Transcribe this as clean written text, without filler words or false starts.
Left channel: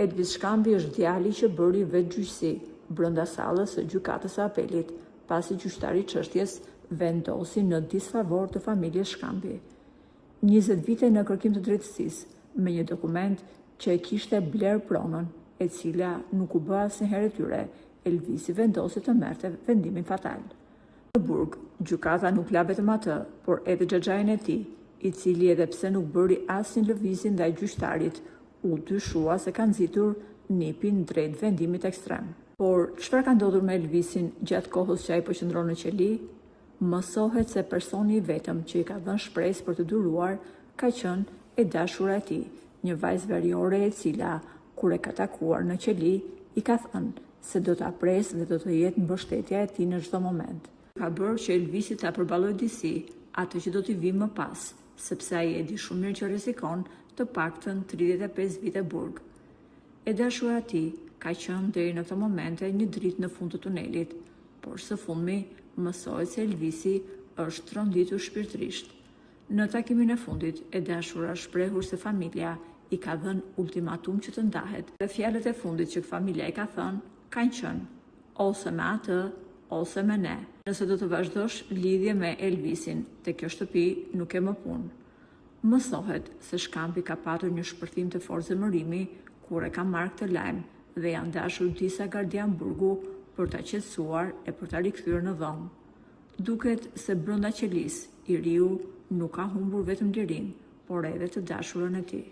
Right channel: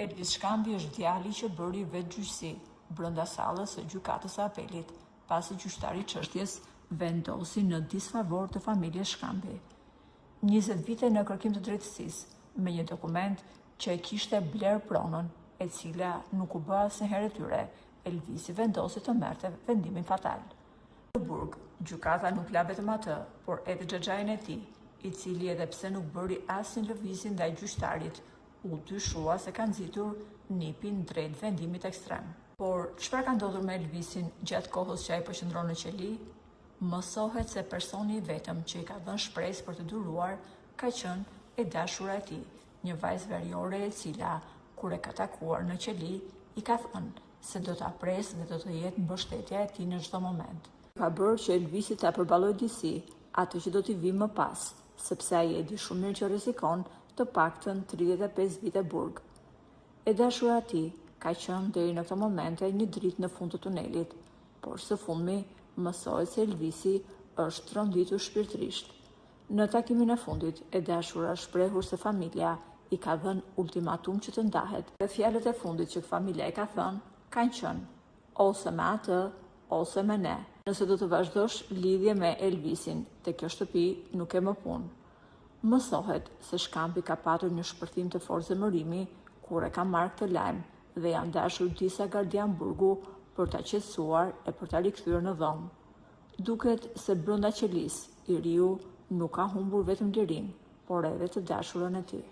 Elvis Shkambi është djali që bëri vetgjyqësi brenda sallës së gjykatës së apelit, pasi gjyqtari i çështjes vendosi në disfavor të familjes Shkambi. 20 vite në kërkim të drejtësisë me një dokument që e kishte bler pronën, e cila nuk u bë asnjëherë e tyre, Elvisi vendosi të merrte vendimin fatal. Në burg, gjykata nuk la vetëm atë, por edhe xhaxhain e tij, i cili edhe pse nuk bëri asnjë lëvizje ndaj gjyqtarit, u dyshua se ka nxitur nipin drejt vendimit ekstrem. Por çfarë ka ndodhur me Elvisin gjatë kohës që ai po qëndron në qeli? Mësohet se personi i vetëm që i ka dhënë shpresë për të duruar ka qenë e dashura e tij, një vajzë veriore e cila, kur e ka takuar në qeli, i ka thënë se do ta presë dhe do të jetë mbështetja e tij në çdo moment. Ka bërë që Elvisi ta përballojë disi atë që do t'i vi më pas, sepse ai e di shumë mirë që rrezikon të paktën 35 vite burg. E dashura e tij ka qenë deri në këtë momente një dritë në fund të tunelit, por së fundmi mësohet se Elvisi është tronditur shpirtërisht. Në takimin e fundit, e dashura shprehur se familja i ka dhënë ultimatum që të ndahet, dhe fjalët e fundit që familja i ka thënë kanë qenë ose me atë, ose me ne. Nëse do të vazhdosh lidhje me Elvisin, te kjo shtëpi nuk e më punë. Mësohet se Shkambi ka patur një shpërthim të fortë zemërimi kur e ka marrë këtë lajm dhe janë dashur disa gardian burgu për ta qetësuar e për ta rikthyer në dhomë. Duket se brenda qelisë, i riu nuk ka humbur vetëm lirinë, por edhe të dashurën e tij.